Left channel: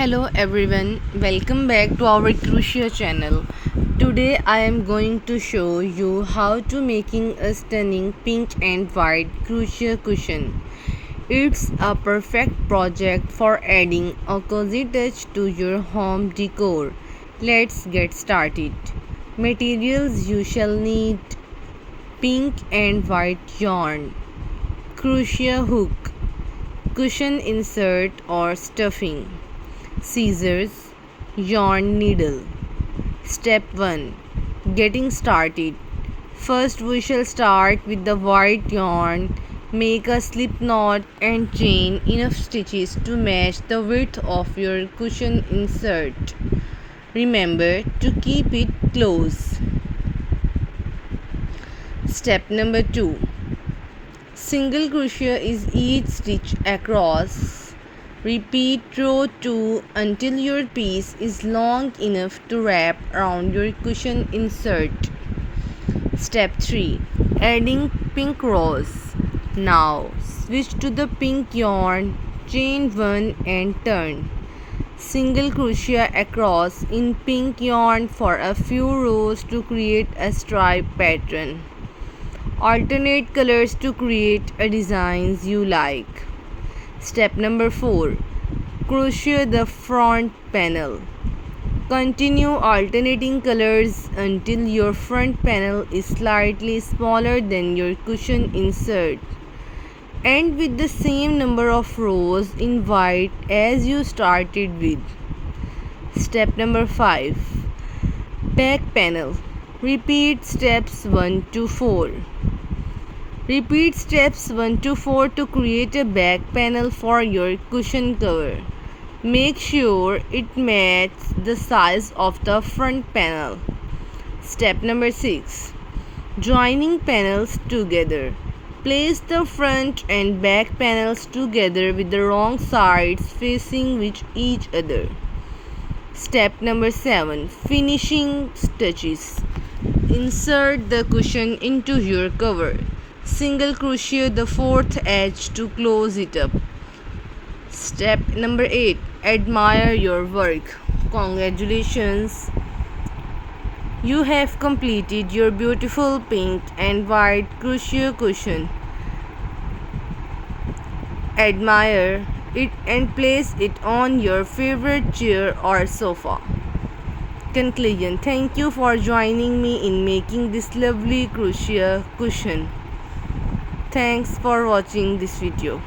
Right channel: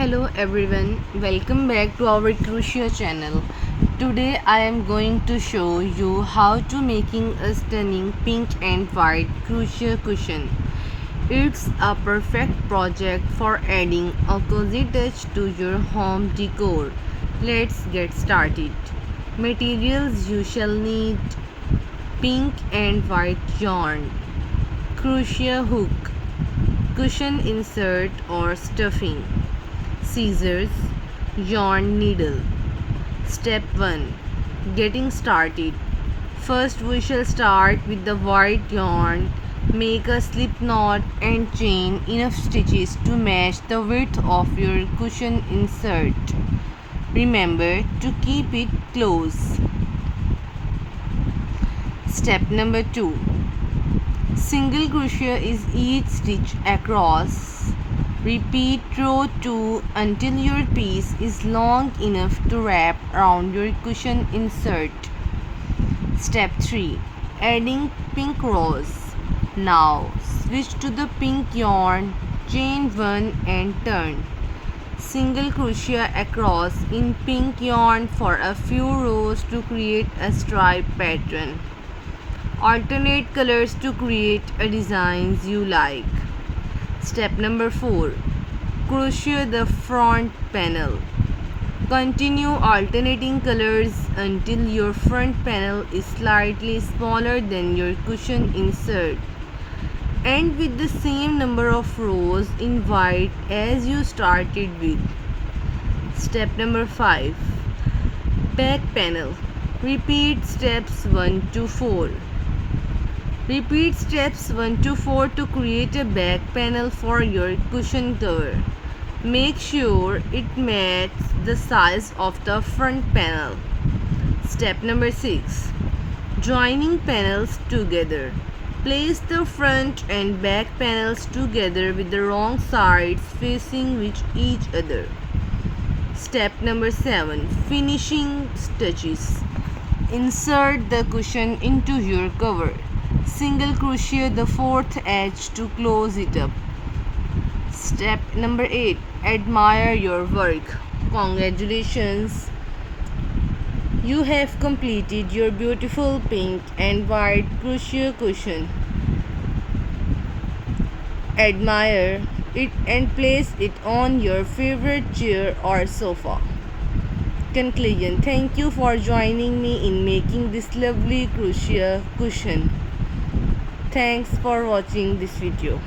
Hello everyone, welcome back to our Crochet channel. Today I am going to show you how to making a stunning pink and white crochet cushion. It's a perfect project for adding a cozy touch to your home decor. Let's get started. Materials you shall need: pink and white yarn, crochet hook, cushion insert or stuffing, scissors, yarn needle. Step 1. Getting started. First we shall start with the white yarn. Make a slip knot and chain enough stitches to match the width of your cushion insert. Remember to keep it close. Step number 2. Single crochet is each stitch across. Repeat row 2 until your piece is long enough to wrap around your cushion insert. Step 3. Adding pink rows. Now switch to the pink yarn, chain 1 and turn. Single crochet across in pink yarn for a few rows to create a stripe pattern. Alternate colors to create a designs you like. Step number 4. Crochet the front panel. Continue alternating colors until your front panel is slightly smaller than your cushion insert. End with the same number of rows in white as you started with. Step number 5. Back panel. Repeat steps 1 to 4. Repeat steps 1 to 4 to create a back panel for your cushion cover. Make sure it matches the size of the front panel. Step number 6. Joining panels together. Place the front and back panels together with the wrong sides facing with each other. Step number 7. Finishing stitches. Insert the cushion into your cover. Single crochet the fourth edge to close it up. Step number 8. Admire your work. Congratulations! You have completed your beautiful pink and white crochet cushion. Admire it and place it on your favorite chair or sofa. Conclusion. Thank you for joining me in making this lovely crochet cushion. Thanks for watching this video.